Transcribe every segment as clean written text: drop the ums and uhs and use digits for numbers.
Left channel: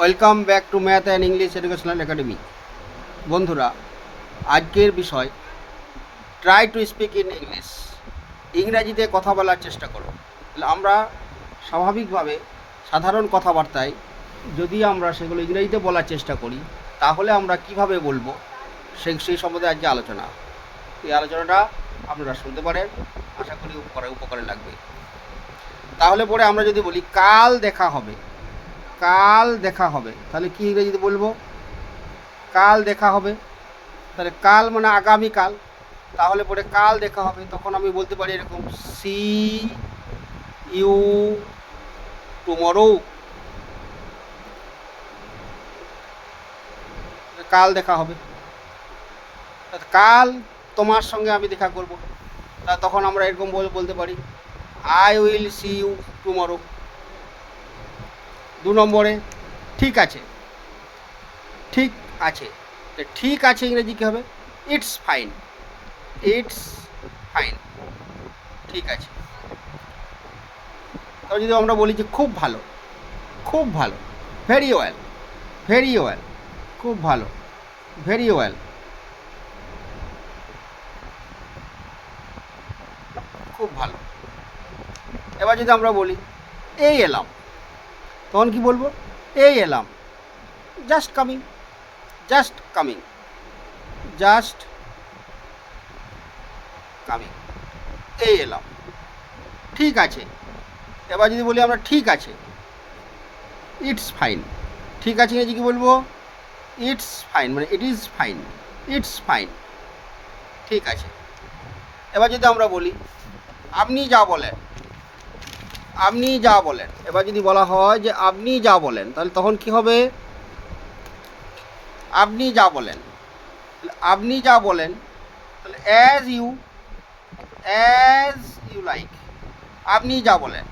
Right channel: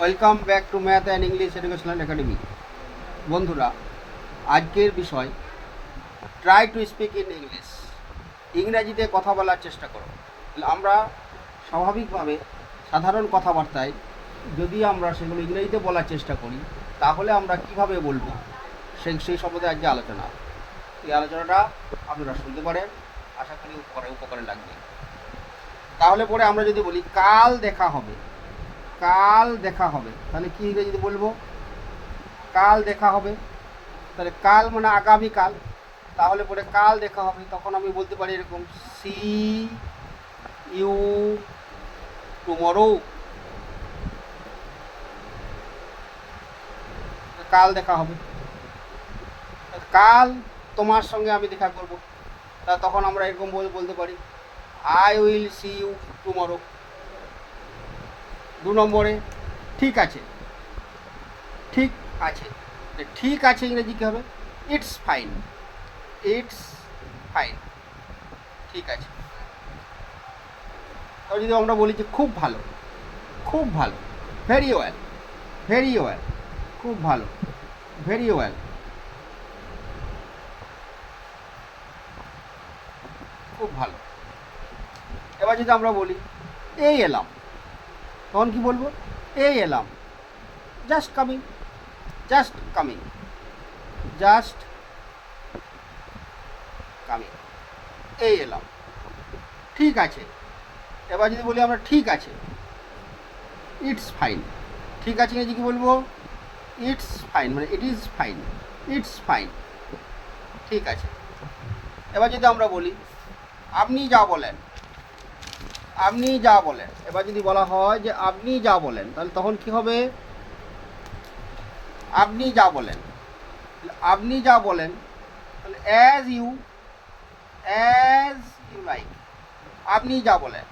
Welcome back to math and English educational academy. বন্ধুরা, আজকের বিষয় try to speak in English. ইংরাজিতে কথা বলার চেষ্টা করো। আমরা স্বাভাবিকভাবে সাধারণ কথাবার্তায় যদি আমরা সেগুলো ইংরাজিতে বলার চেষ্টা করি, তাহলে আমরা কিভাবে বলবো সেই সম্বন্ধে আজকে আলোচনা। এই আলোচনাটা আপনারা শুনতে পারেন, আশা করি উপকারে লাগবে। তাহলে পরে আমরা যদি বলি কাল দেখা হবে, কাল দেখা হবে, তাহলে কি ইংরেজিতে বলবো? কাল দেখা হবে। তাহলে কাল মানে আগামীকাল, তাহলে পরে কাল দেখা হবে। তখন আমি বলতে পারি এরকম, সি ইউ টুমরো। কাল দেখা হবে, কাল তোমার সঙ্গে আমি দেখা করব। তা তখন আমরা এরকম বলতে পারি, I will see you tomorrow. 2 নম্বরে ঠিক আছে, ঠিক আছে। ঠিক আছে ইংরেজি কী হবে? ইটস ফাইন, ইটস ফাইন, ঠিক আছে। তবে যদি আমরা বলি যে খুব ভালো, খুব ভালো, ভেরি ওয়েল, ভেরি ওয়েল, খুব ভালো, ভেরি ওয়েল, খুব ভালো। এবার যদি আমরা বলি এই এলাম, তখন কি বলবো? এই এলাম, just coming, just coming, just coming, এই এলাম। ঠিক আছে। এবার যদি বলি আমরা ঠিক আছে, ইটস ফাইন। ঠিক আছে ইংরেজি কি বলবো? ইটস ফাইন, মানে it is fine, it's fine, ঠিক আছে। এবার যদি আমরা বলি আপনি যা বলেন, আপনি যা বলেন, এবার যদি বলা হয় যে আপনি যা বলেন, তাহলে তখন কি হবে? আপনি যা বলেন, আপনি যা বলেন, তাহলে অ্যাজ ইউ লাইক, আপনি যা বলেন,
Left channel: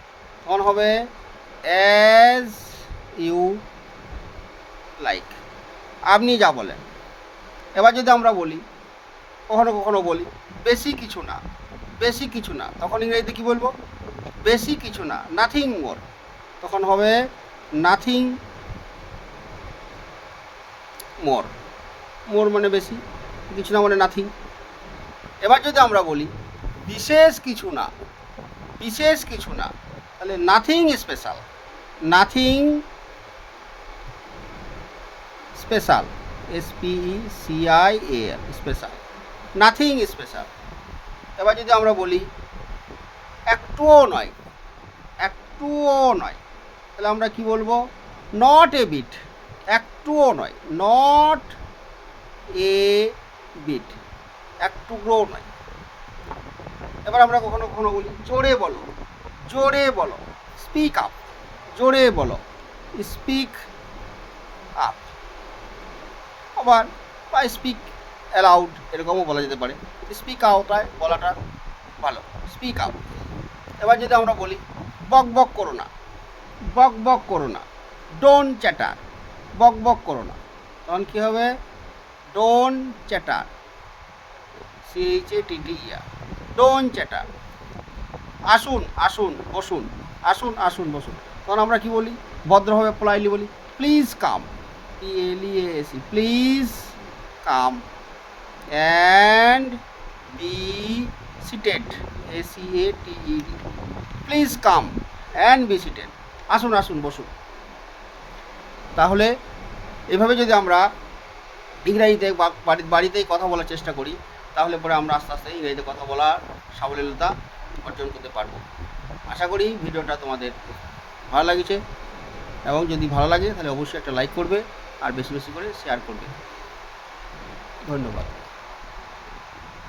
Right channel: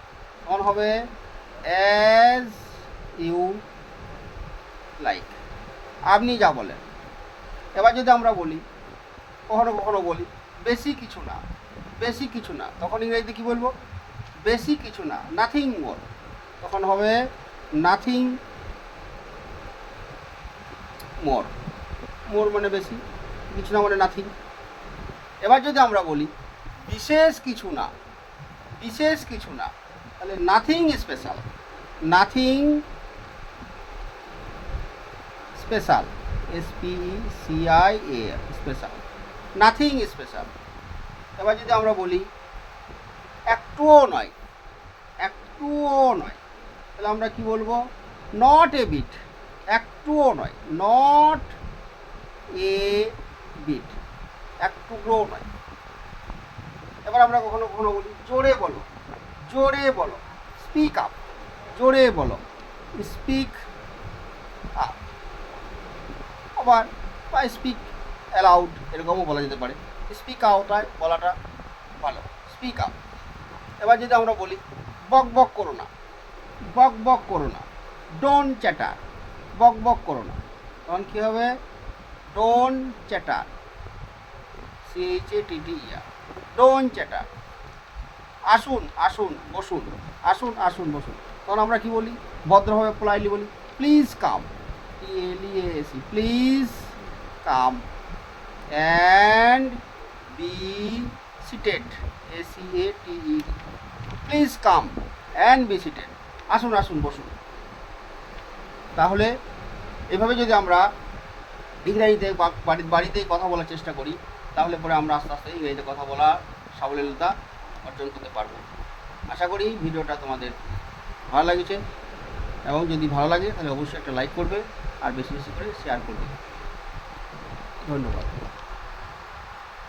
তখন হবে অ্যাজ ইউ লাইক, আপনি যা বলেন। এবার যদি আমরা বলি, কখনো কখনো বলি বেশি কিছু না, বেশি কিছু না, তখন ইংরেজিতে কী বলবো? বেশি কিছু না, নাথিং মোর, তখন হবে নাথিং মোর। মোর মানে বেশি, কিছু না মানে নাথিং। এবার যদি আমরা বলি বিশেষ কিছু না, বিশেষ কিছু না, তাহলে nothing special, nothing special, SPECIAL, special, nothing special. এবার যদি আমরা বলি একটুও নয়, একটুও নয়, তাহলে আমরা কি বলবো? নট এ বিট, একটুও নয়, নট এ বিট, একটুও নয়। এবার আমরা কখনো কখনো বলি জোরে বলো, জোরে বলো, স্পিক আপ, জোরে বলো, স্পিক আপ। আবার বা স্পিক অ্যালাউড, এরকমও বলা যেতে পারে। স্পিক আউট বলাটা ভালো, স্পিক আপ। এবার যদি আমরা বলি বক বক করো না, বক বক করো না, ডোন্ট চ্যাটার, বক বক করো না, তখন কী হবে? Don't chatter, CHATTER, don't chatter. আসুন আসুন বসুন, আসুন আসুন বসুন, তখন আমরা কি বলি? ভদ্রভাবে পোলাইটলি বলি please come, PLEAS, please come and be seated, SEATED, please come and be seated, আসুন আসুন বসুন। তাহলে এভাবে যদি আমরা ইংরাজিতে বাড়িতেই কথা বলার চেষ্টা করি, তাহলে পরে আমরা আস্তে আস্তে ইংরেজিতে কথা বলার সাবলীলতা অর্জন করতে পারবো। আশা করি ভিডিওটা তোমাদের ভালো লাগছে, এবং যদি ভালো লাগে তাহলে অবশ্যই একটা লাইক করবে আর বেশি বেশি করে শেয়ার করবে। ধন্যবাদ।